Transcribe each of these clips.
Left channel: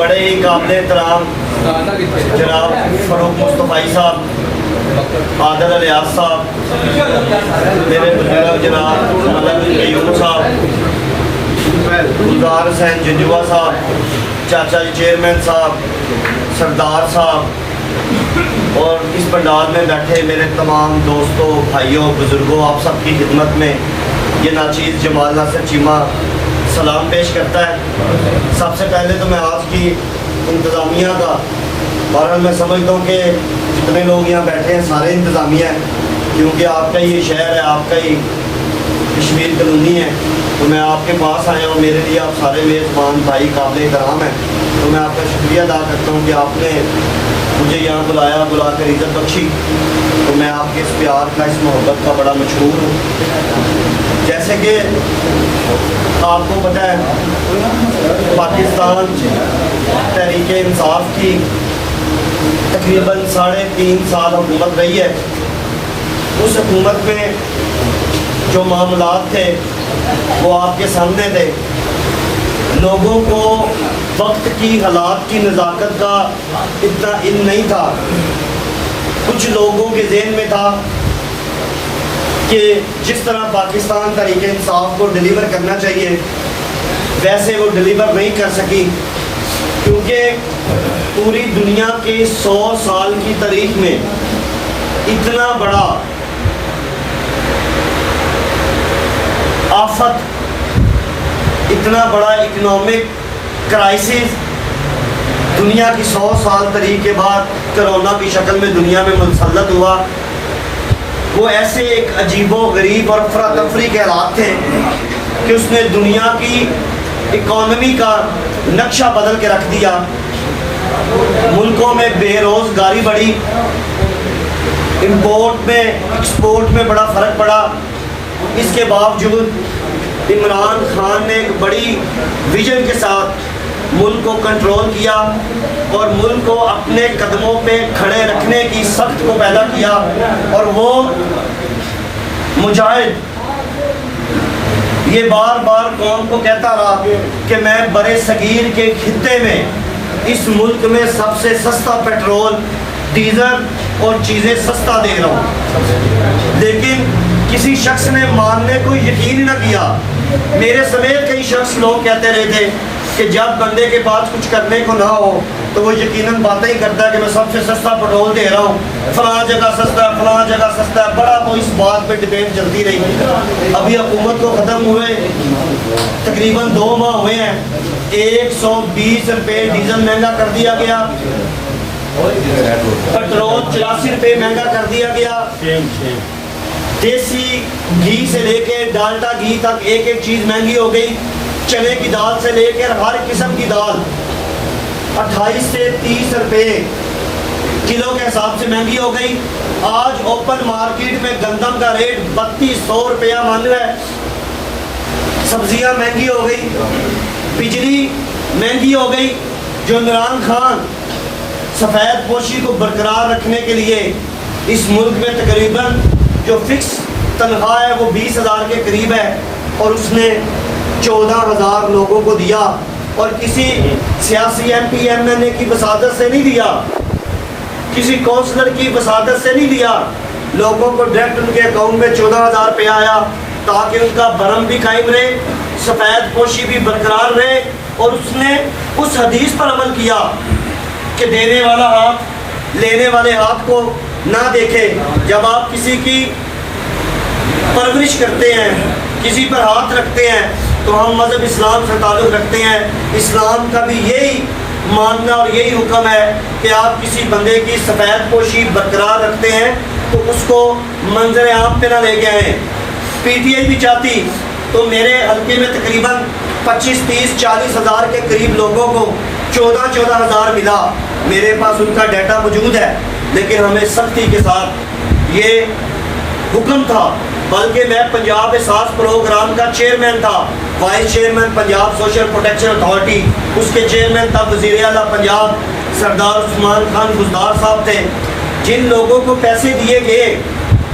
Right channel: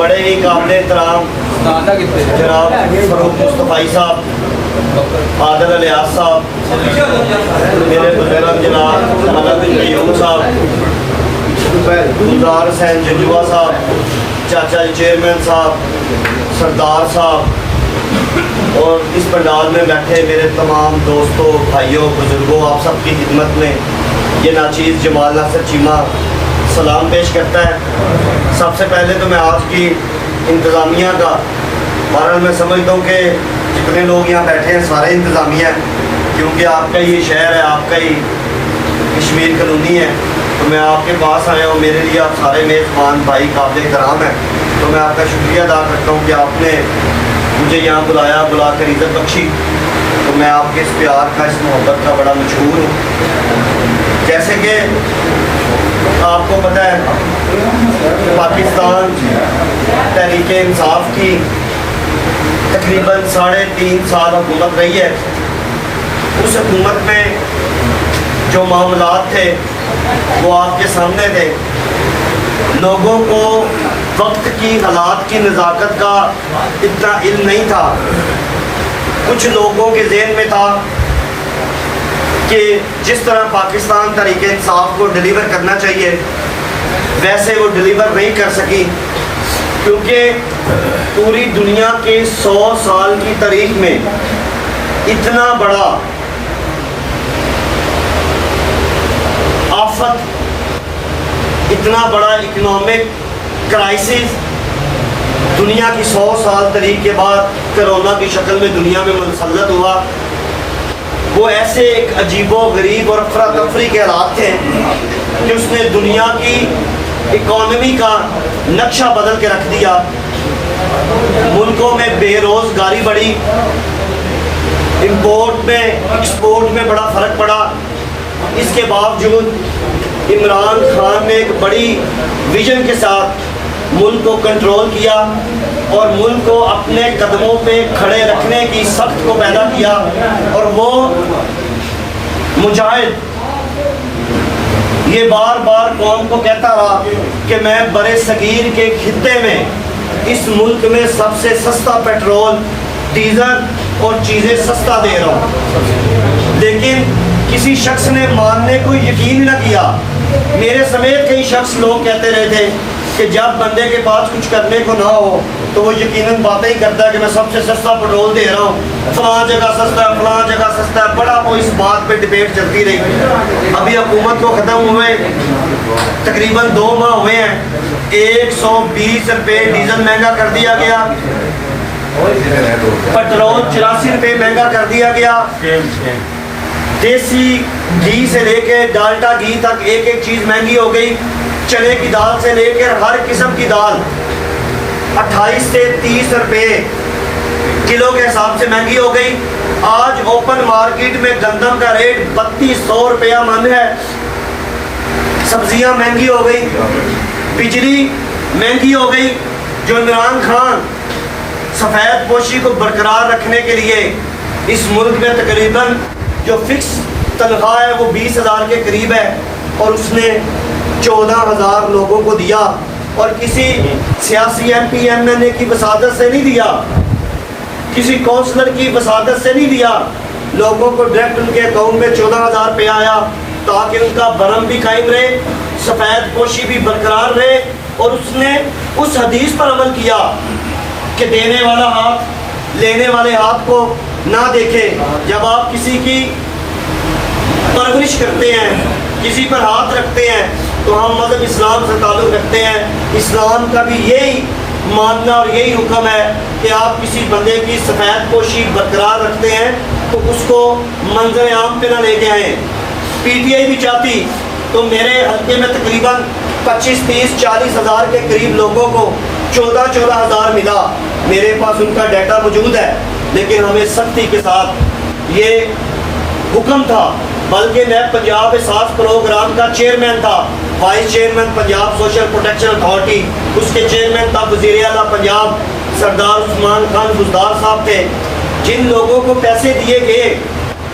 بڑے ہی قابل احترام جناب فاروق مصطفی صاحب، عادل الیاس صاحب، میرے بزرگ جناب ملک قیوم صاحب، گلزار حسین جنجوا صاحب، چاچا جی چیئرمین صاحب، سردار صاحب، اور اس پنڈال میں بیٹھے میرے تمام دوستوں، بھائیوں، بزرگوں، آپ سب کی خدمت میں یہ ناچیز جمال ناصر چیمہ سلام پیش کرتا ہے۔ سب سے پہلے تو میں آج کی انتظامیہ کا، بہرحال میں سمجھتا ہوں کہ جتنے لوگ یہاں بیٹھے ہیں سارے انتظامیہ ہیں، کیونکہ آپ کا یہ شہر ہے، آپ کا ہی کشمیر کالونی ہے، تو میں آپ کے پاس آیا ہوں، میرے لیے آپ سارے میزبان بھائی قابل احترام ہیں، تو میں آپ کا شکریہ ادا کرتا ہوں کہ آپ نے مجھے یہاں بلا کر عزت بخشی، تو میں آپ کے اس پیار کا، اس محبت کا بڑا مشہور ہوں۔ جیسے کہ آپ کو پتہ ہے پاکستان تحریک انصاف کی تقریباً 3.5 سال حکومت رہی ہے۔ اس حکومت میں جو معاملات تھے وہ آپ کے سامنے تھے، لوگوں کو وقت کی حالات کی نزاکت کا اتنا علم نہیں تھا، کچھ لوگوں کے ذہن میں تھا کہ جس طرح پاکستان تحریک انصاف کو ڈیلیور کرنا چاہیے ویسے وہ ڈیلیور نہیں کر سکی، کیونکہ پوری دنیا کے 100 سال کی تاریخ میں اتنا بڑا آفت، اتنا بڑا اکنامک کرائسس دنیا کی 100 سال تاریخ کے بعد کرونا کی شکل میں دنیا میں مسلط ہوا، وہ ایسے ایک عجیب و غریب اور افراتفری کے حالات تھے کہ اس نے دنیا کی اکانومی کا نقشہ بدل کے رکھ دیا۔ ملکوں میں بے روزگاری بڑھی، امپورٹ میں ایکسپورٹ میں بڑا فرق پڑا۔ اس کے باوجود عمران خان نے ایک بڑی ویژن کے ساتھ ملک کو کنٹرول کیا اور ملک کو اپنے قدموں پہ کھڑے رکھنے کی سخت کو پیدا کیا، اور وہ مجاہد یہ بار بار قوم کو کہتا رہا کہ میں برِ صغیر کے خطے میں اس ملک میں سب سے سستا پیٹرول، ڈیزل اور چیزیں سستا دے رہا ہوں، لیکن کسی شخص نے ماننے کو یقین نہ کیا۔ میرے سمیت کئی شخص لوگ کہتے رہے تھے کہ جب بندے کے پاس کچھ کرنے کو نہ ہو تو وہ یقیناً باتیں ہی کرتا ہے کہ میں سب سے سستا پیٹرول دے رہا ہوں، فلاں جگہ سستا ہے، فلاں جگہ سستا ہے، بڑا وہ اس بات پہ ڈبیٹ چلتی رہی۔ ابھی حکومت کو ختم ہوئے تقریباً 2 ماہ ہوئے ہیں، 120 روپے ڈیزل مہنگا کر دیا گیا، پیٹرول 84 روپے مہنگا کر دیا گیا، دیسی گھی سے لے کے ڈالڈا گھی تک ایک ایک چیز مہنگی ہو گئی، چنے کی دال سے لے کر ہر قسم کی دال 28 سے 30 روپے کلو کے حساب سے مہنگی ہو گئی۔ آج اوپن مارکیٹ میں گندم کا ریٹ 3200 روپیہ من ہے، سبزیاں مہنگی ہو گئی، بجلی مہنگی ہو گئی۔ جو عمران خان سفید پوشی کو برقرار رکھنے کے لیے اس ملک میں تقریباً جو فکس تنخواہ ہے وہ 20,000 کے قریب ہے، اور اس نے 14,000 لوگوں کو دیا، اور کسی سیاسی ایم پی ایم این اے کی وساطت سے نہیں دیا، کسی کونسلر کی وساطت سے نہیں دیا، لوگوں کو ڈائریکٹ ان کے اکاؤنٹ میں 14,000 روپے آیا تاکہ ان کا برہم بھی قائم رہے، سفید پوشی بھی برقرار رہے۔ اور اس نے اس حدیث پر عمل کیا کہ دینے والا ہاتھ لینے والے ہاتھ کو نہ دیکھے۔ جب آپ کسی کی پرورش کرتے ہیں، کسی پر ہاتھ رکھتے ہیں، تو ہم مذہب اسلام سے تعلق رکھتے ہیں، اسلام کا بھی یہی ماننا اور یہی حکم ہے کہ آپ کسی بندے کی سفید پوشی برقرار رکھتے ہیں تو اس کو منظر عام پہ نہ لے کے آئیں۔ پی ٹی آئی بھی چاہتی تو میرے حلقے میں تقریباً 25, 30, 40 ہزار کے قریب لوگوں کو 14 ہزار ملا، میرے پاس ان کا ڈیٹا موجود ہے، لیکن ہمیں سختی کے ساتھ یہ حکم تھا، بلکہ میں پنجاب احساس پروگرام کا چیئرمین تھا، vice chairman Punjab social protection authority, اس کے چیئرمین تب وزیر اعلیٰ پنجاب سردار عثمان خان بزدار صاحب تھے۔ جن لوگوں کو پیسے دیے گئے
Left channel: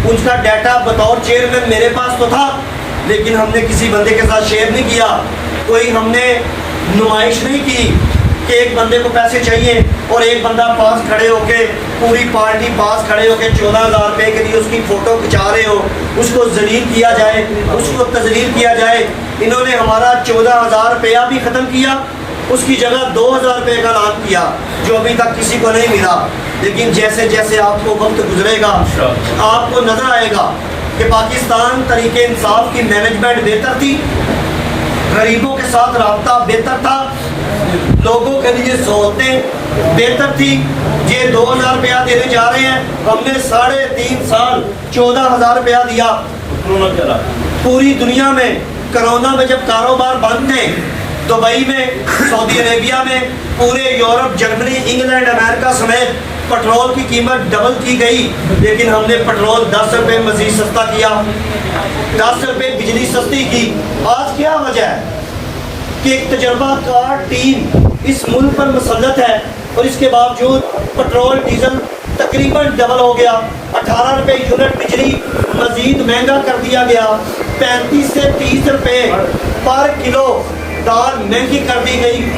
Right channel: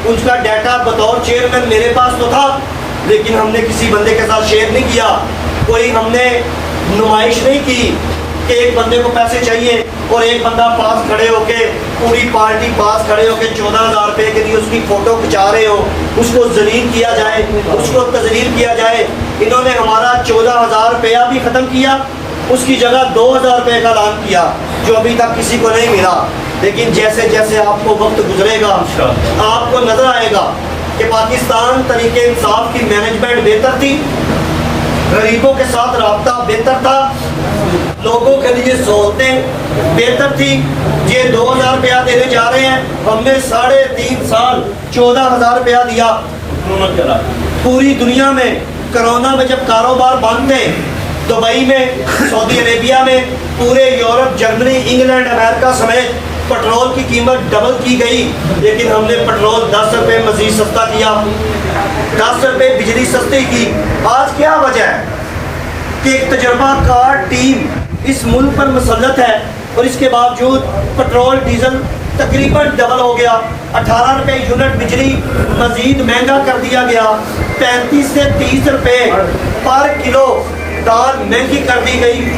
ان کا ڈیٹا بطور چیئرمین میرے پاس تو تھا، لیکن ہم نے کسی بندے کے ساتھ شیئر نہیں کیا، کوئی ہم نے نمائش نہیں کی کہ ایک بندے کو پیسے چاہیے اور ایک بندہ پاس کھڑے ہو کے پوری پارٹی پاس کھڑے ہو کے 14,000 روپے کے لیے اس کی فوٹو کھچا رہے ہو, اس کو ذلیل کیا جائے, اس کو تذلیل کیا جائے. انہوں نے ہمارا 14,000 روپیہ بھی ختم کیا, اس کی جگہ 2,000 روپے کا اعلان کیا جو ابھی تک کسی کو نہیں ملا. لیکن جیسے جیسے آپ کو وقت گزرے گا آپ کو نظر آئے گا کہ پاکستان طریق انصاف کی مینجمنٹ بہتر تھی, غریبوں کے ساتھ رابطہ بہتر تھا, لوگوں کے لیے سہولتیں بہتر تھی. یہ 2,000 روپیہ دینے جا رہے ہیں, ہم نے 3.5 سال 14,000 روپیہ دیا. پوری دنیا میں کرونا میں جب کاروبار بند تھے, دبئی میں, سعودی عربیہ میں, پورے یورپ, جرمنی, انگلینڈ, امریکہ سمیت پٹرول کی قیمت ڈبل کی گئی, لیکن ہم نے پٹرول 10 روپے مزید سستا کیا, 10 روپے بجلی سستی کی. آج کیا وجہ ہے کہ ایک تجربہ کار ٹیم اس ملک پر مسلط ہے اور اس کے باوجود پٹرول ڈیزل تقریباً ڈبل ہو گیا, 18 روپے یونٹ بجلی مزید مہنگا کر دیا گیا, 35 سے 30 روپے پر کلو دال مہنگی کر دی گئی.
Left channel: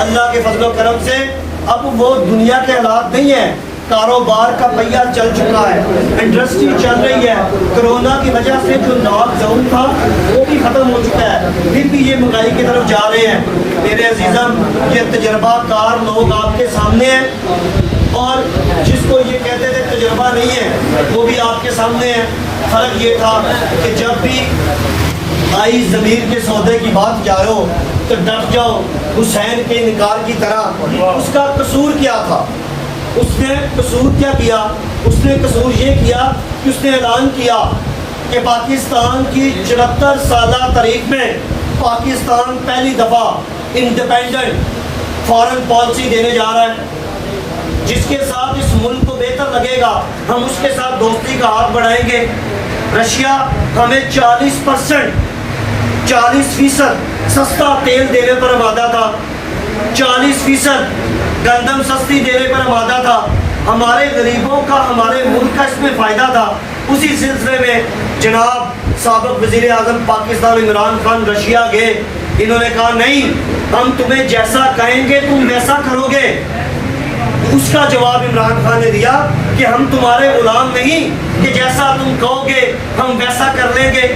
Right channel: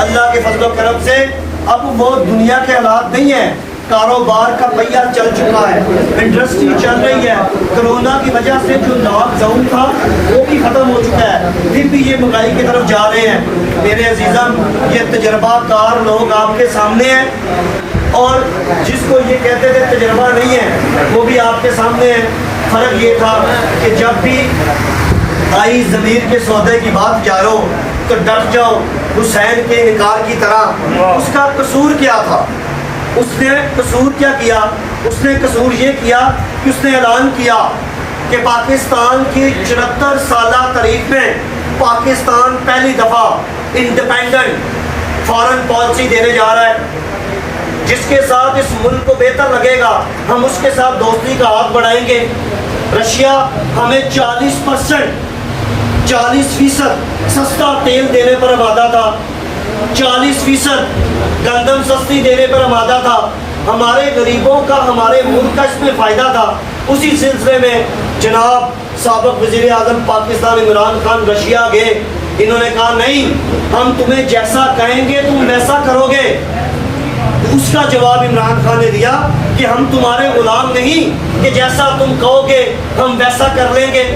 اللہ کے فضل و کرم سے اب وہ دنیا کے حالات نہیں ہیں, کاروبار کا پہیہ چل چکا ہے, انڈسٹری چل رہی ہے. کرونا کی وجہ سے جو لاک ڈاؤن تھا وہ بھی ختم ہو چکا ہے, پھر بھی یہ مہنگائی کی طرف جا رہے ہیں. میرے عزیزم, یہ تجربہ کار لوگ آپ کے سامنے ہیں, اور جس کو یہ کہتے تھے تجربہ نہیں ہے وہ بھی آپ کے سامنے ہے. فرق یہ تھا کہ جب بھی آئی ضمیر کے سودے کی بات جاؤ تو ڈٹ جاؤ, حسین کے انکار کی طرح. اس کا قصور کیا تھا؟ اس نے قصور کیا کیا؟ اس نے قصور یہ کیا کہ اس نے اعلان کیا کہ پاکستان کی 74 سالہ تاریخ میں پاکستان پہلی دفعہ انڈیپینڈنٹ فارن پالیسی دینے جا رہا ہے, جس کے ساتھ اس ملک کو بہتر لگے گا ہم اس کے ساتھ دوستی کا ہاتھ بڑھائیں گے. رشیا ہمیں 40% سستا تیل دینے پر آمادہ تھا, 40% گندم سستی دینے پر آمادہ تھا. ہمارے غریبوں کا, ہمارے ملک کا اس میں فائدہ تھا. اسی سلسلے میں جناب سابق وزیر اعظم پاکستان عمران خان رشیا گئے, انہوں نے کہا نہیں, ہم تمہیں جیسا کہیں گے تم ویسا کرو گے. اس کا جواب عمران خان نے دیا کہ ہم تمہارے غلام نہیں کہ جیسا تم کہو گے ہم ویسا کر لیں گے,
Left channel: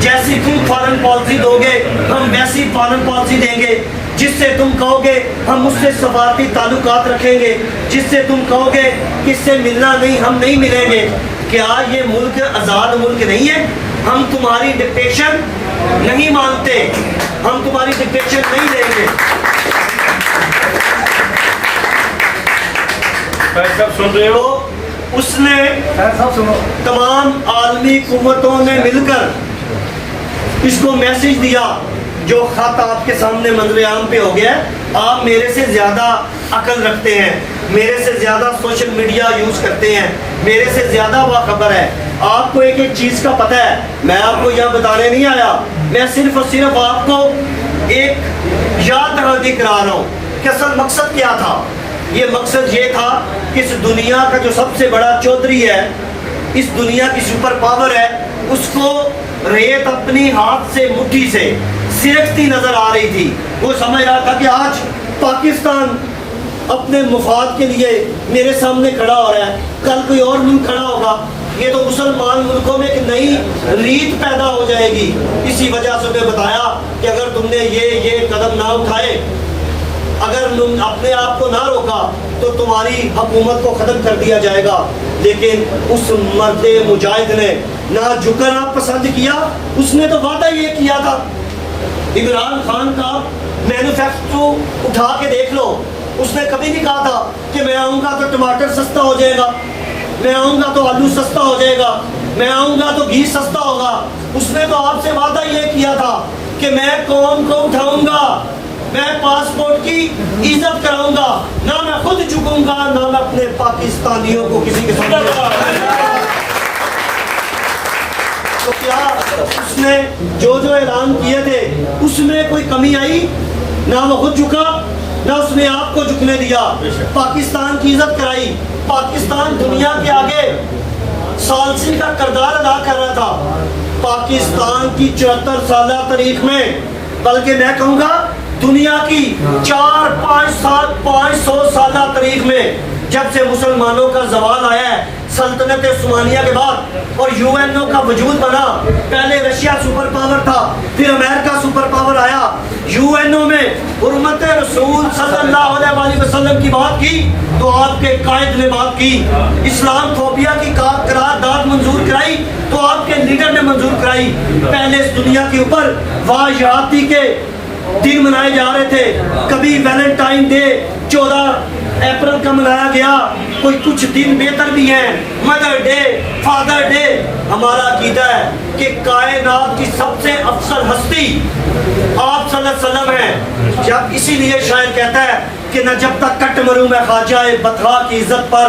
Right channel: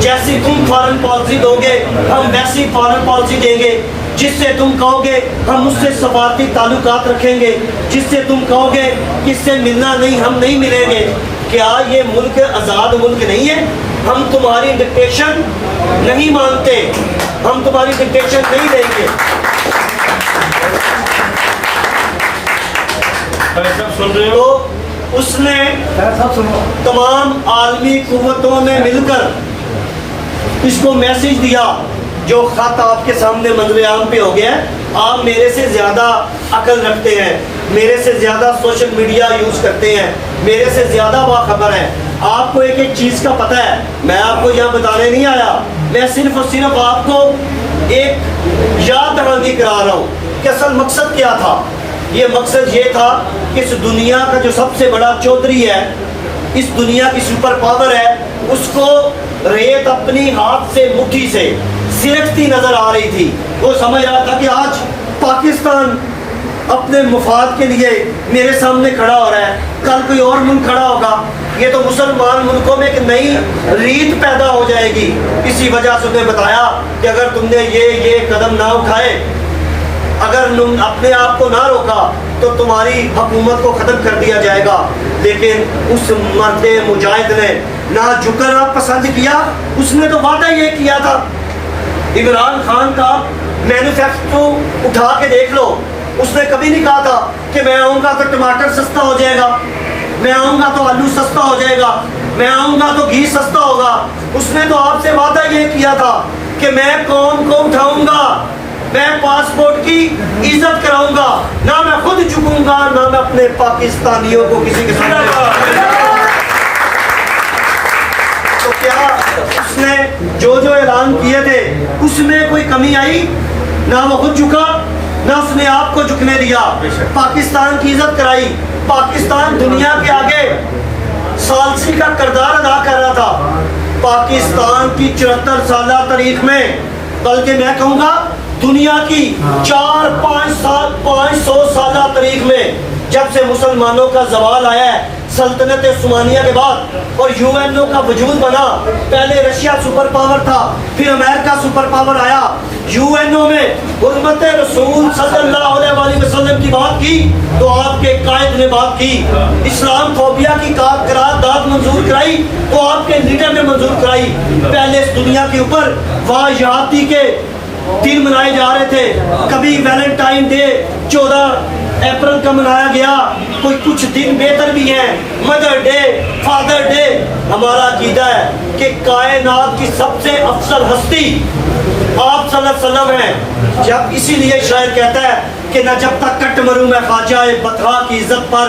جیسی تم فارن پالیسی دو گے ہم ویسی فارن پالیسی دیں گے, جس سے تم کہو گے ہم اس سے سفارتی تعلقات رکھیں گے, جس سے تم کہو گے کہ اس سے ملنا نہیں ہم نہیں ملیں گے. کیا یہ ملک آزاد ملک نہیں ہے؟ ہم تمہاری ڈکٹیشن نہیں مانتے, ہم تمہاری ڈکٹیشن نہیں دیں گے. تو اس نے تمام عالمی قوتوں نے مل کر اس کو میسج دیا, جو خط آپ کے سامنے منظر عام پہ ہو گیا ہے. آپ میرے سے زیادہ عقل رکھتے ہیں, میرے سے زیادہ سوشل میڈیا یوز کرتے ہیں, میرے سے زیادہ باخبر ہے, آپ کو ایک ایک چیز کا پتہ ہے. میں آپ کو یہاں بتانے نہیں آیا, میں صرف اور صرف آپ کو ایک یاد دہانی کرا رہا ہوں کہ اصل مقصد کیا تھا. یہ مقصد یہ تھا کہ اس دنیا کا جو سب سے بڑا چودھری ہے, اس دنیا کی سپر پاور ہے, اس کو ریت اپنی ہاتھ سے مٹھی سے سرکتی نظر آ رہی تھی. وہ سمجھ رہا تھا کہ آج پاکستان اپنے مفاد کے لیے میرے سامنے کھڑا ہو رہا ہے, کل کوئی اور ملک کھڑا ہوگا, یہ تو مسلمان ملکوں میں ایک نئی ریت پیدا ہو جائے گی. اسی وجہ سے انہیں بتایا کہ اگر تم نے یہ قدم نہ اٹھائے, اگر تم اپنے آپ کو نہ روکا تو تمہاری حکومت کو ختم کر دیا جائے گا. لیکن اس مرد مجاہد نے نہ جھکنا پسند کیا. اس نے تو وعدہ یہ کیا تھا, عمران خان کا مینوفیکچر اٹھا کے دیکھ لو, اس نے کبھی نہیں کہا تھا کہ میں آؤں گا تو ٹماٹر سستا ہو جائے گا, میں آؤں گا تو آلو سستا ہو جائے گا, میں آؤں گا تو گھی سستا ہوگا. اس نے تو آپ سے وعدہ یہ کیا تھا کہ میں قوم کو اٹھاؤں گا, میں پاسپورٹ کی عزت کراؤں گا, نہ میں خود جھکوں گا نہ میں اپنے پاکستانیوں کو کسی کے سامنے. تو کیا اس نے جو اعلان کیے تھے اس میں کوئی کمی آئی؟ نہ وہ خود جھکا نہ اس نے آپ کو جھکنے دیا. پاکستان کی عزت کرائی. پاکستان دنیا کے آگے ثالثی کا کردار ادا کر رہا تھا. پاکستان کی 74 سالہ تاریخ میں, بلکہ میں کہوں گا دنیا کی 4-500 سالہ تاریخ میں جب سے مسلمانوں کا زوال آیا ہے سلطنت عثمانیہ کے بعد اور یو این او کا وجود بنا، پہلے رشیا سپر پاور تھا، پھر امریکہ سپر پاور آیا، یو این او میں حرمت رسول صلی اللہ علیہ وسلم کی بات کی تو آپ کے قائد نے بات کی، اسلام فوبیا کی قرارداد منظور کرائی تو آپ کے لیڈر نے منظور کرائی۔ پہلے اس دنیا کے اوپر واجہاتی کے دن منائے جا رہے تھے، کبھی ویلنٹائن ڈے 14 اپریل کا منایا گیا، کوئی کچھ دن بہتر بھی ہیں، مدر ڈے، فادر ڈے۔ ہمارا عقیدہ ہے کہ کائنات کی سب سے افضل ہستی آپ صلی اللہ علیہ وسلم ہیں، جب اسی لیے شاعر کہتا ہے کہ نہ جب تک کٹ مروں میں خواجہ بطحا کی عزت پر،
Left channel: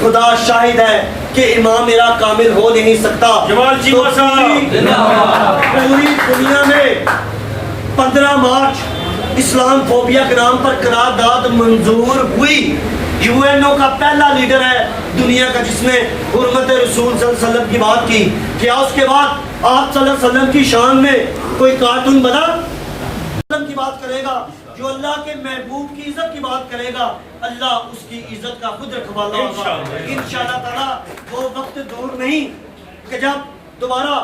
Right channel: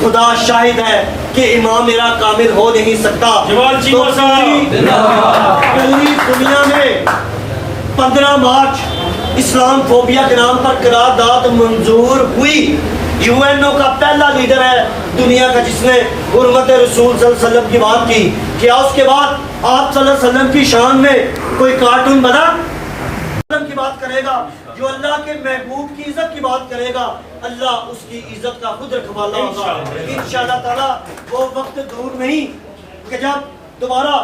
خدا شاہد ہے کہ امام میرا کامل ہو نہیں سکتا۔ تو پوری دنیا میں 15 مارچ اسلام فوبیا کے نام پر قرارداد منظور ہوئی۔ یو این او کا پہلا لیڈر ہے دنیا کا جس نے حرمت رسول صلی اللہ علیہ وسلم کی بات کی۔ کیا اس کے بعد آپ صلی اللہ علیہ وسلم کی شان میں کوئی کارٹون بنا کی بات کرے گا؟ جو اللہ کے محبوب کی عزت کی بات کرے گا اللہ اس کی عزت کا خود رکھوالا ہوگا انشاءاللہ تعالی۔ وہ وقت دور نہیں کہ جب دوبارہ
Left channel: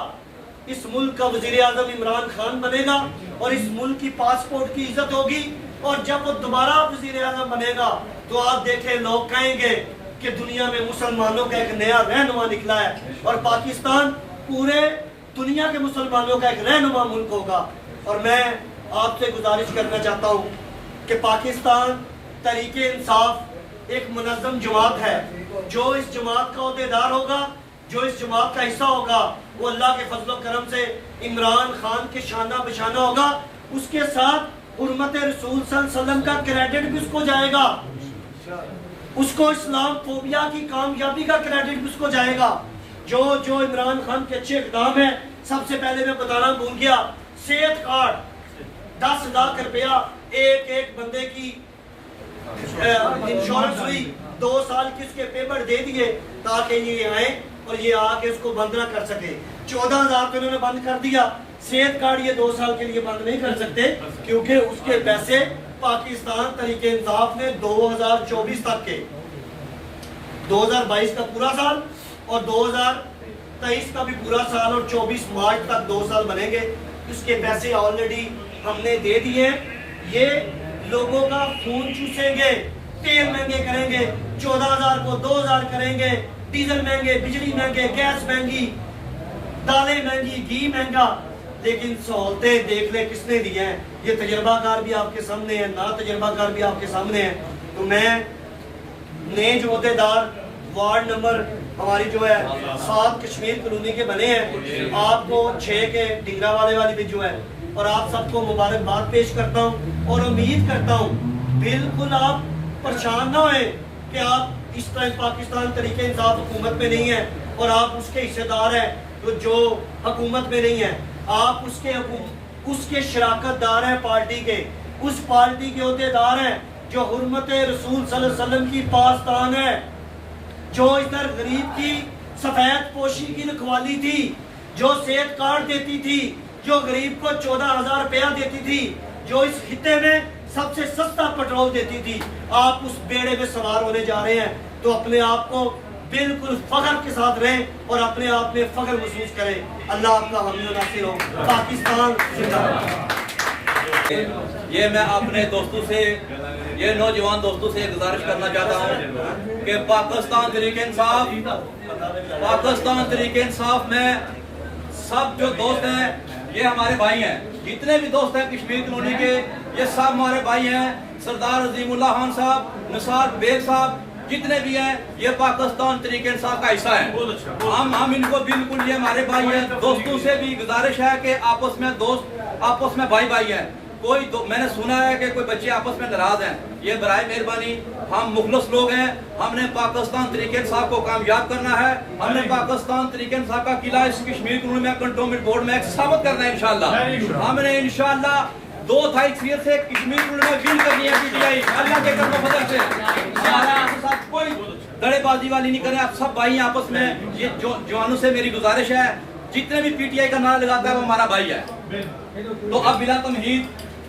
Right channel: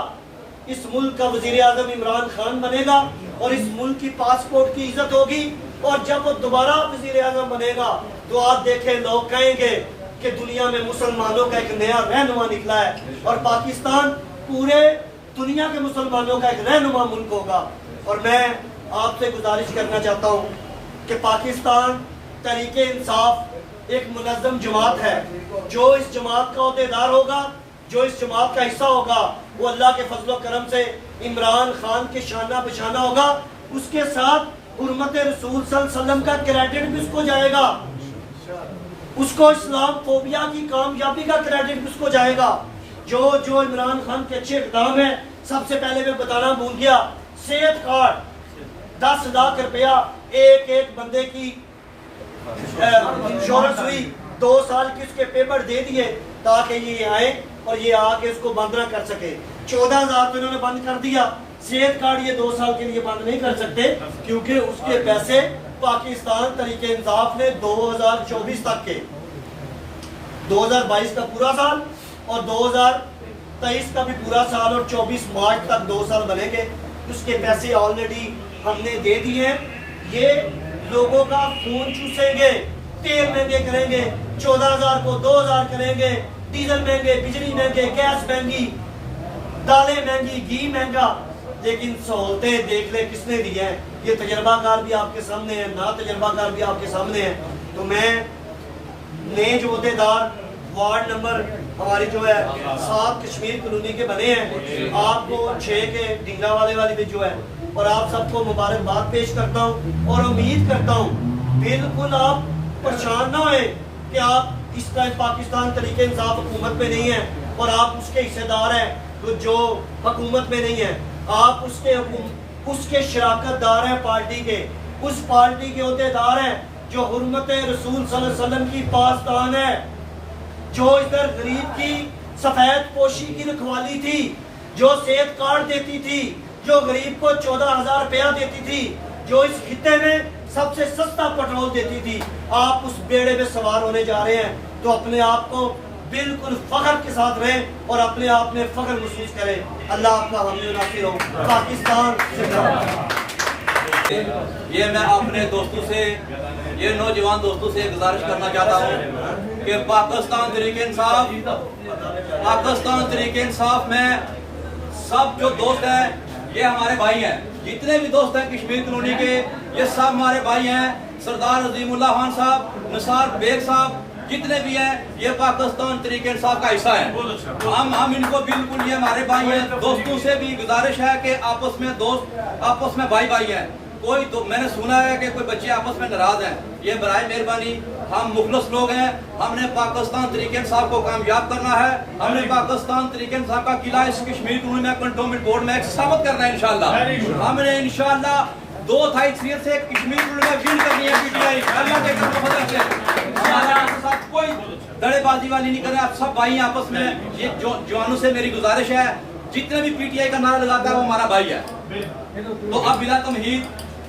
اس ملک کا وزیر اعظم عمران خان بنے گا اور اس ملک کی پاسپورٹ کی عزت ہوگی، اور جب وہ دوبارہ وزیر اعظم بنے گا تو آپ دیکھیں لوگ کہیں گے کہ دنیا میں مسلمانوں کا ایک نیا رہنما نکلا ہے، اور پاکستان پورے دنیا کے مسلمانوں کا ایک رہنما ملک ہوگا۔ اور میں آپ سے گزارش کرنا چاہتا ہوں کہ پاکستان تحریک انصاف ایک منظم جماعت ہے، جو اس جماعت کا عہدیدار ہوگا، جو اس جماعت کا حصہ ہوگا، وہ اللہ کے فضل و کرم سے عمران خان کے شانہ بشانہ ہوگا۔ اس کے ساتھ حرمت رسول صلی اللہ علیہ وسلم کا کریڈٹ بھی اس کو جائے گا، اس کو اسلام فوبیا کی کامیابی کا کریڈٹ بھی اس کو جائے گا۔ جو عمران خان کے اچھے اقدام ہیں، سب سے پہلے میں بتانا بھول گیا، صحت کارڈ 10 لاکھ روپیہ ایک بندے کی انشورنس ہوئی، 2 سال کی اس کے پیپر دے دیے تاکہ یہ آئے اور یہ آ کے اس کو بند نہ کر سکے۔ 14,000 تو انہوں نے بند کر دیا، صحت کارڈ یہ 2 سال کے لیے بند نہیں کر سکتے کیونکہ اس کے پیسے پاکستان تحریک انصاف نے 2024 تک کے، 2022 کا پورا سال اور 2023 کا بھی پورا سال اور 24 مارچ تک 2 سال بنے گے، اس کے پیسے آلریڈی ہم نے دے دیے ہیں۔ یہ لوگوں کا خون چوسیں گے، تیل مہنگے کریں گے، 14,000 کو 2,000 کریں گے، ڈیزل مہنگے، بجلی مہنگے، گیس مہنگی، دالیں مہنگی، گھی مہنگا، لیکن سہولتیں دیکھ لیں کس نے دی ہیں۔ یہ تجربہ کار بھی آپ کے سامنے ہیں، نا تجربہ کار بھی آپ کے سامنے ہیں۔ تو میں نئے جو عہدیدار وارڈ نمبر ہماری جو ہے 7 کشمیر کالونی کے بنے ہیں، آپ کو 6 کے ڈنگا والے والی بھی جو ہے، اور آپ سب کو مبارکباد پیش کرتا ہوں اور امید کرتا ہوں بالکل آپ پریشان نہ ہوئے کہ آپ اس طرح پاکستان تحریک انصاف حکومت میں نہیں ہیں اور آپ اس کے حصے دار ہیں جو حکومت میں نہیں ہیں، آپ اس کے شراکت دار ہیں، پارٹی کے، اس پارٹی کے عہدیدار ہیں جو حرمت رسول صلی اللہ علیہ وسلم کی پاسدان ہے، جو ادھر غریب کی سفید پوشی کی رکھوالی تھی، جو صحت کارڈ دیتی تھی، جو غریب کو 14,000 روپیہ دیتی تھی، جو اس خطے میں سب سے سستا پیٹرول دیتی تھی، آپ اس بیڑے میں سوار ہونے جا رہے ہیں۔ تو اپنے آپ کو بالکل فخر کے ساتھ رہیں اور اپنے آپ میں فخر محسوس کریں۔ اللہ آپ کا حامی و ناصر ہو۔ پاکستان زندہ باد۔ یہ میں اپنے دوستوں سے، یہ نوجوان دوستوں سے گزارش کرنا چاہتا ہوں کہ پاکستان تحریک انصاف میں سب جو دوست ہیں یہ ہمارے بھائی ہیں، جتنے بھی دوست ہیں کشمیر کالونی کے یہ سب ہمارے بھائی ہیں۔ سردار عظیم اللہ خان صاحب، نثار بیگ صاحب، جتنے بھی ہیں یہ پاکستان تحریک انصاف کا حصہ ہیں۔ ہم ان کو بالکل، یہ ہمارے بھائی ہیں۔ دوستوں سے بھی گزارش ہے کہ آپس میں بھائی بھائی ہیں۔ میں نے سنا ہے کہ کوئی بچے آپس میں ناراض ہیں، یہ برائے مہربانی، ہم مخلص لوگ ہیں، ہم نے پاکستان تحریک انصاف کو کامیاب کرنا ہے، ہم نے پاکستان تحریک انصاف کا قلعہ اس کشمیر کالونی میں کنٹونمنٹ بورڈ میں ثابت کرنا ہے انشاءاللہ۔ ہم نے انشاءاللہ 2 اکثریت سے کشمیر کالونی میں ون کرنی ہے پی ٹی آئی، اللہ کے کرم و فضل سے۔ ہمارے ساتھ کوئی دڑے بازی والی نہیں کریں، آپ سب بھائی ہیں آپس میں۔ یہ جوانوں سے میری گزارش ہے، جتنے بھی پی ٹی آئی کا نعرہ لگاتا ہے وہ ہمارا بھائی ہے۔ تو اب بلا تمہید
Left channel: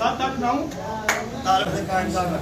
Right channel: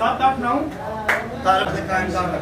7, 8, 9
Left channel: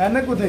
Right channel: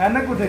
ਐਨਕ ਕੁਥੇ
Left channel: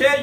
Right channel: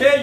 6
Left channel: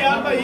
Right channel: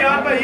ਯਾਰ ਭਾਈ